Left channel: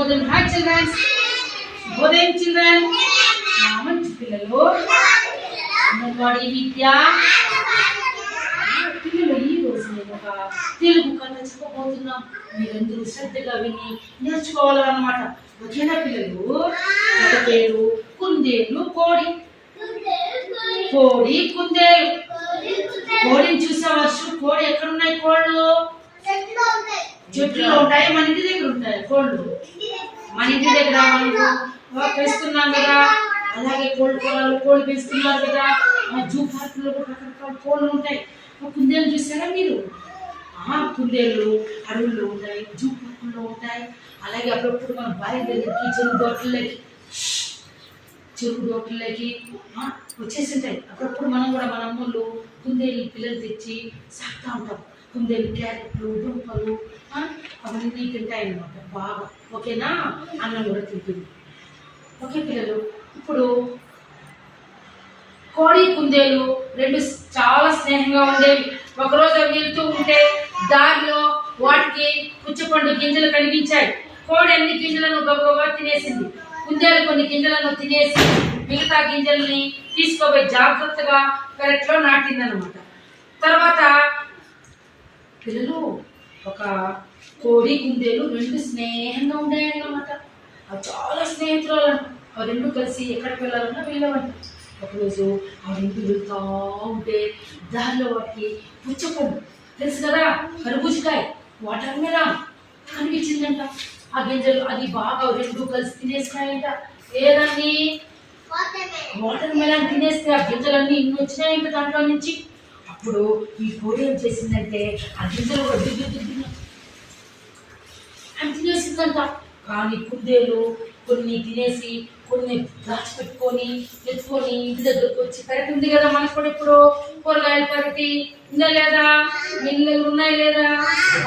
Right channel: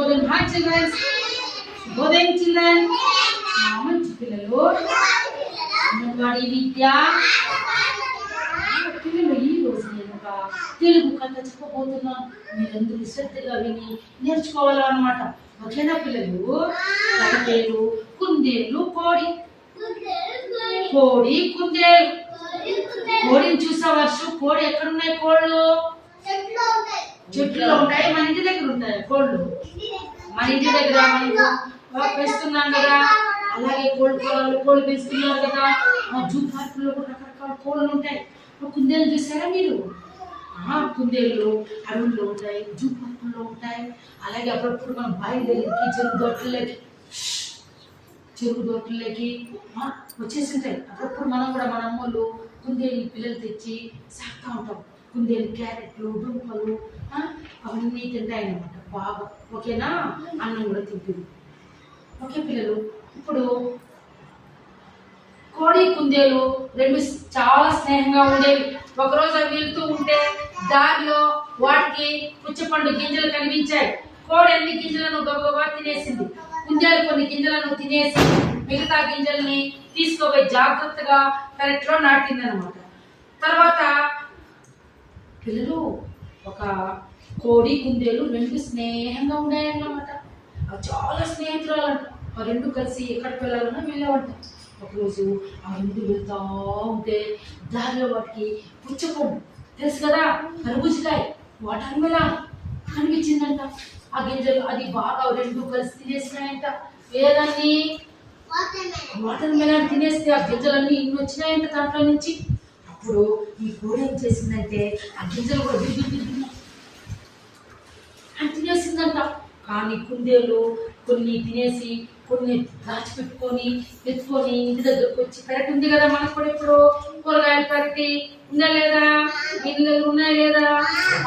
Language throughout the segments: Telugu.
శుభోదయం. హాయ్ చిల్డ్రన్స్, శుభోదయం చిల్డ్రన్. మంచి పిల్లలు, అంగన్వాడీ విద్య పిల్లలు. ఈ రోజు నేను ఒక తెలుగు కథ చెప్పబోతున్నాం. మీరందరూ శ్రద్ధగా విని నేర్చుకోవాలన్నమాట. ఓకేనా పిల్లలు? కథ పేరు కుందేలు కోడి. కోడి కుందేలు. కోడిని చూసా వర్షం? కోడి ఎక్కడున్నాయి కోళ్ళు? చెట్లు ఉంటాయి. మన ఇంటి దగ్గర ఉంటాయి కోళ్ళు. మన ఇంటి దగ్గర మనం పెంచుతున్నాం కదా, అలాగే కోళ్ళు పొలాలు కోళ్ళు పెంచుతున్నారు కదా. జూ పార్కుల్లో కూడా రకరకాల కోళ్ళు ఉంటాయి. కుందేలు చూసారా మీరు? కుందేళ్ళు అడవుల్లో ఉంటాయి, జూ పార్కుల్లో ఉంటాయి. అలాగే అప్పుడప్పుడు మనం బావి దగ్గరికి చెరుకు దోట్లకి వచ్చేసి ఉంటాయి. అప్పుడప్పుడు మనం కూడా మన అమ్మోళ్ళు కుందేలు పిల్లలు తెచ్చి సాగుతూ ఉంటాం. కుందేలు క్యారెట్లు, దుంపలు అవన్నీ తింటాయి అన్నమాట బాగా. ఓకేనా? అన్నం కూడా తింటుంది. ఓకే పిల్లలు, ఇప్పుడు కోడి కుందేలు రెండు చాలా స్నేహంగా ఉండేవి. ఒకరోజు అవి వెళ్తూ ఉంటే దారిలో వాటికి పుచ్చపండు గింజలు కనిపించాయి. కోడి అన్ని గింజలను గబగబా తినేసింది. కుందేలు కొన్ని గింజలను తినేసి మిగతా గింజల్ని తీసుకోపోయి జాగ్రత్తగా పెరట్లో నాటిందనమాట. తర్వాత పిల్లలు, ఒక కోడి కుందేలు రెండు స్నేహంగా ఉన్నాయన్నమాట. అవి చాలా స్నేహితురాలు అంట. ఆ రెండు కలిసి ఎక్కడికి వెళ్ళాలన్నా వెళ్ళేవంట. ఒకరోజు ఆ రెండు వెళ్తూ ఉంటే దారిలో వాటికి పుచ్చపండు తెలుసు కదా, కర్బూజకాయ, వాటర్ మెలాన్ కనిపించిందంట. ఆ గింజలు అది బాగా రెండు కలిసి తినేసినాయంట. ఏదాన్ని? వాటర్ మెలాన్ తినేస్తే ఆ గింజలన్నీ ఇన్ని వచ్చినాయంట దాంట్లో నుంచి. అప్పుడు ఈ కోడి ఏం చేసిందంటే ఆ గింజలు కూడా అని తినేసిందంట. కానీ కుందేలు కొన్ని తినేసి కొన్ని దాచిపెట్టుకొని ఎత్తుకొని ఇంటి దగ్గరకు వచ్చి, పెరటి ఉంది కదా మనకు కూడా ఇప్పుడు కూరగాయలు పెరటి ఉందా లేదా, ఇళ్ళలు ఉన్నాయి లేదా,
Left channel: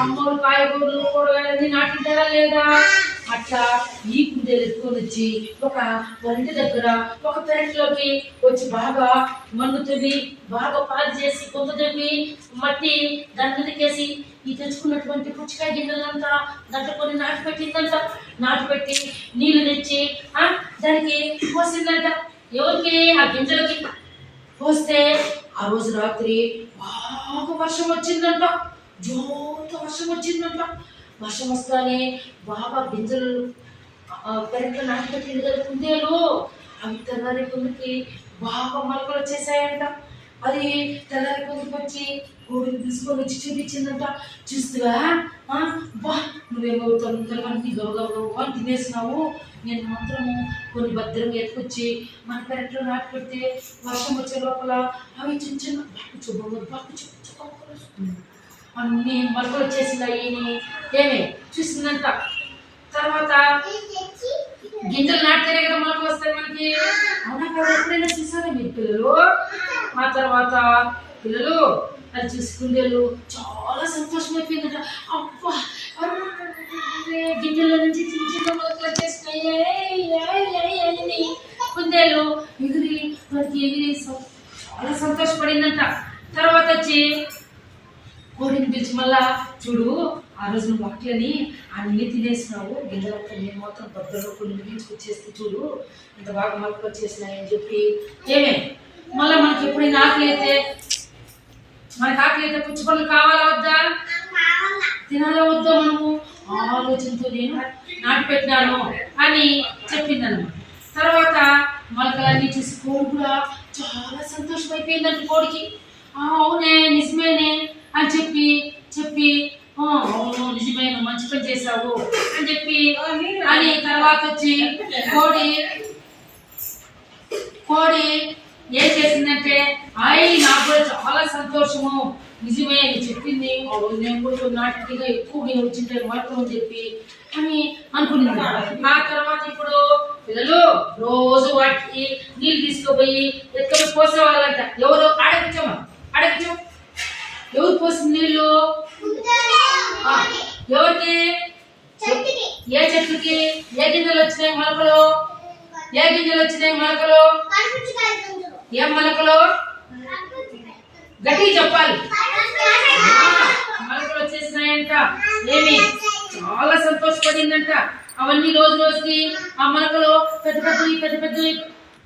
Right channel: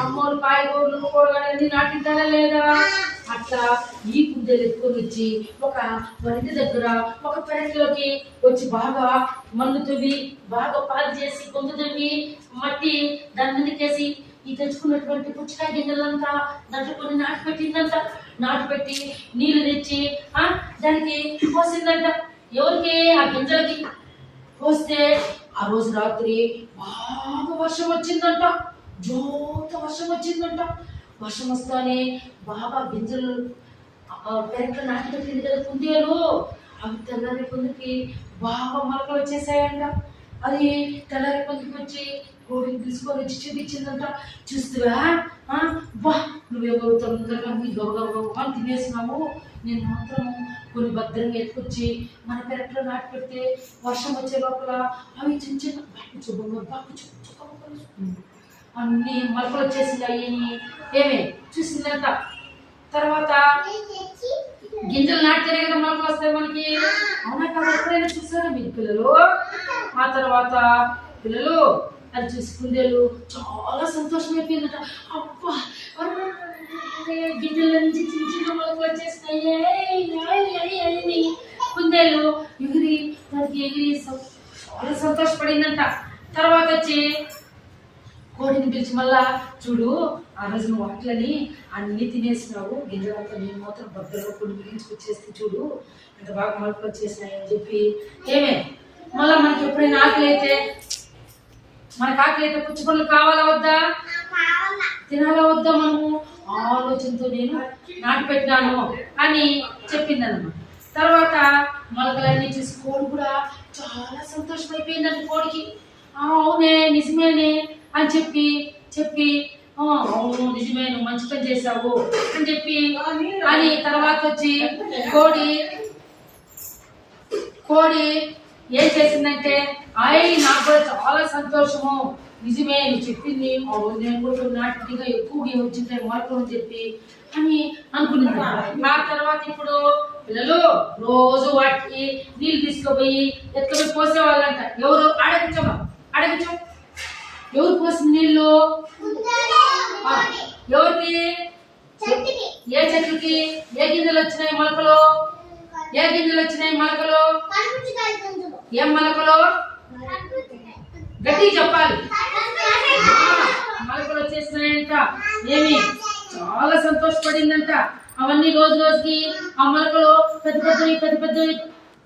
అమ్మోరు కాయగూరలు కూరగాయలన్నీ నాటింటారా లేదా, అట్లా ఈ కుందేలు ఎత్తుకొని వచ్చి ఒక ఇంటి దగ్గర ఒక పెరట్లోకి వచ్చి బాగా మన్ను తవ్వి బాగా పాది చేసి కొంత తవ్వి మట్టి దాని మీదకేసి ఈ తెచ్చుకున్నటువంటి పుచ్చకాయ గింజలంతా దాంట్లో కొన్ని నాటిపెట్టిందంట. నాటిపెట్టి నీళ్లు తెచ్చి దానికి పోసిందంట. ఎవరికి? ఆ గింజలకి పోస్తే ఆ రోజు రాత్రి బాగా వర్షం వచ్చిందంట. జోత వర్షం వచ్చిందంట. వర్షం వస్తానే బాగా గింజలు పెరట్లో నాటిపెట్టింది కదా కుందేలు, అవి తెల్లారి కొందరికి బాగా మొలకలు వచ్చేసాయంట. అది తెల్లారి కొందరికి వచ్చి కోడిని తీసుకొని వచ్చి చూపించిందంట. చూస్తువా, బా నువ్వేమో తొందరగా నీ గబగబా తినేసినావు, నేను మాత్రము కొన్ని భద్రంగా ఎత్తుకొచ్చి మన పెరట్లో నాటి పెడితే వర్షం వచ్చే లోపల అవి చిన్న చిన్న అన్ని మొలకలు వచ్చేసినాయి. ఏమే చూసిందంట. తర్వాత గింజలు నాటితేనే కదా మొలకలు వస్తాయి మనకి. అవునా కదా? ఎప్పుడైనా చూసారా మీరు పిల్లలు? ఆ తర్వాత పిల్లలు అది చూసి కుందేలు చాలా సంతోషమైపోయిందట. అబ్బా గింజల నుంచి చిన్న చిన్న మొలకలు వచ్చేసినాయి అని కుందేలు ఎగిరి వాటికి ఎగిరి చాలా సంతోషపడిందంట. తర్వాత వచ్చి కోడిని పిలిచి, మళ్ళా చూడు, ఆ రోజు నువ్వు వాటిని అన్ని తినేసినావు, గింజలంతా నేను మాత్రం భద్రంగా కొన్ని మిగించుకొచ్చేస్తే చూడు ఇంత బాగా మొలకలు వచ్చేసినాయి అని చెప్పి. ఏమే మళ్ళీ మనకి ఎప్పుడైనా ఆకలి అయితే పుచ్చపండ్లు కావాలా వద్దా, తినాలా వద్దా, మనము ఆలోచనతో నేను నాటి పెట్టినాను అని చెప్పిందన్నమాట. తర్వాత మొలకలన్నీ చూసి కోడి కూడా చాలా సంతోషమైపోయిందంట. కోడికి అవునే నిజమేనే అని చెప్పి అవును నిజమే, నువ్వు మంచి పని చేసావు అని చెప్పి అని తర్వాత వచ్చి కోడి ఏం చేసిందంటే, నాకు కూడా చాలా సంతోషము, నిజమే నీ చెప్పింది, నేను కూడా నాటిగా ఎక్కువగా వచ్చింటాయి మొలకలు అని చెప్పి అని అనుకున్నాను. ఆ తర్వాత ఇప్పుడు పిల్లలు రోజు వాటికి నీళ్ళు తీసుకుపోయి ఎత్తుకొని పోసేవాళ్ళంట. ఎవరు? అడగించమా ఎవరు పోసిన నీళ్ళు? ఎవరికి? ఏ చెట్టుకి ఏ గింజలు వచ్చినాయి మొలకలు? ఏం మొలకలు? గట్టి చెప్పాలి. మొలకలు వచ్చేసినాయంట. ఏమి చాలా సంతోషపడిందంట. అవన్నీ రోజు రోజుకి ఆ మొలకలు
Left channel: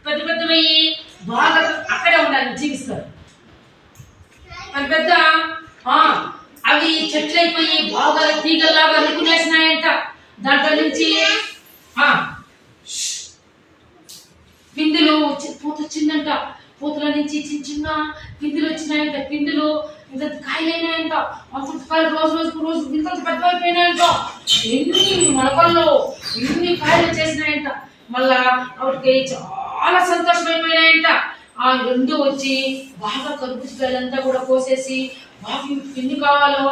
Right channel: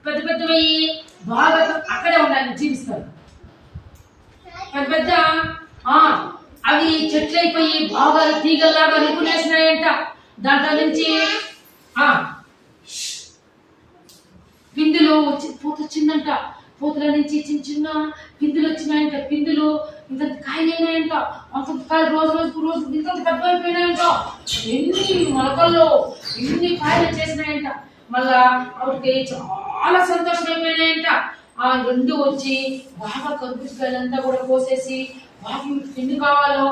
పెద్దవయ్యి బాగా అక్కడే ఉండాలి, జీవిస్తారు. పెద్ద ఆ అవి చెట్లు అయిపోయి బాగా తీగల్లాగా అనుకునేసినాయంట. దాంట్లో నుంచి పిందులు పూత వచ్చిందంట. పూతల నుంచి చిన్న చిన్న పిందులు వచ్చినాయంట. పిందులు ఇంత కాయలైనాయంట. అంత కాయలు రోజు ఇంత పెద్ద అయిపోయినాయంట. ఎన్ని మొలకల్లో ఎన్ని కాయలు వచ్చేసినాయంట. మళ్ళా ఆవిడకి చాలా సంతోషమైపోయినాయంట. ఆ రెండు వచ్చి బాగా కర్బూజకాయలంతా కూడా కోసేసి బాగా ఎన్ని కావాలో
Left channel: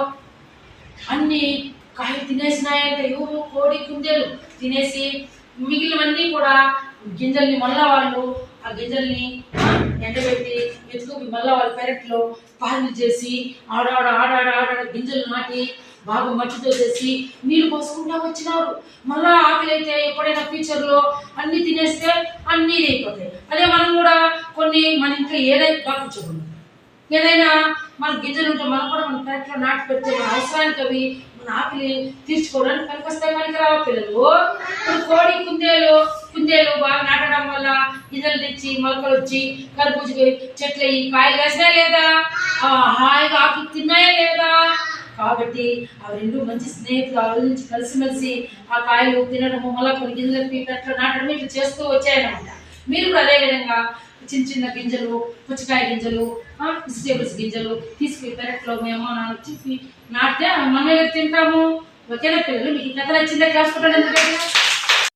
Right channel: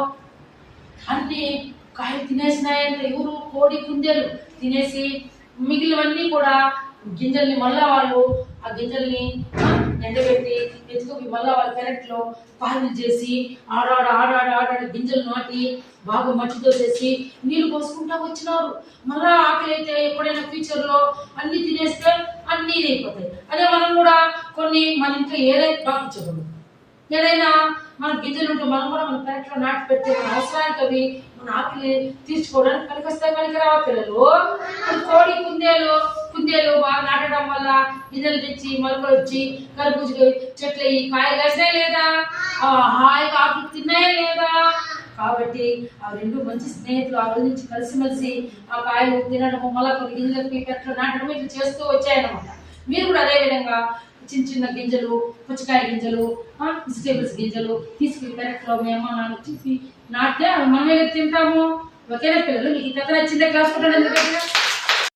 అన్ని కాయలు తినేసినాయంట. ఎవరు? కోడి కుందేలు తినేసి మిగిలినవన్నీ కూడా గింజల్ని మళ్ళా వాళ్ళు ఆ గింజల్ని ఎండబెట్టి ఎత్తుకొని మళ్ళా వాళ్ళ పెరట్లో పాలు చేసి ఆడాడ గింజలు నాటి బాగా మట్టితో చేసి నీళ్లు పోసుకుంటా వచ్చినారు. మళ్ళా ఆకలి అయితే ఎప్పుడైనా ఫ్యూచర్లో అన్ని తినేస్తే అన్నీ అయిపోతాయి. అదే మనం కూడా కొన్ని మన ఇంట్లో ఏదైతే పాటించకూడదు, ఏదైనా మన గింజలు ఉంటే మనం కూడా మన పెరట్లో నాటి పెడితే మన అవసరానికి అవి మన ఆకలి తీర్చుకోవడానికి పనికొస్తాయి. పనికి రావా పిల్లలు? కోడి కుందేలు బాగా నాటడం వల్ల గింజలు తెచ్చి మొలకలు వచ్చి కర్బూజ చెట్లు అయ్యి కాయలు కాసినా లేదా? హాయిగా ఆకులు తిన్నాయా లేదా? కాబట్టి అవి రెండు మంచి స్నేహితులు. ఆ రోజు నుంచి కలిసిమెలిసి ఆ కాయలు తినడము, మళ్ళీ కొన్ని గింజలు పెరట్లో నాటడం ఇట్లా చేస్తూ వచ్చాయన్నమాట. మీరు కూడా అదే విధంగా చిన్న గింజలు, పుచ్చకాయ గింజలు, వెజిటేబుల్స్ గింజలు తీసుకుని పెరట్లో మీ అమ్మ నాన్న చెప్పి నాటితే మనం ఏదో తింటాము. ఓకేనా పిల్లలు? మీకు ఈ కథ నచ్చిందా? క్లాస్ కొట్టండి. ఎందుకంటే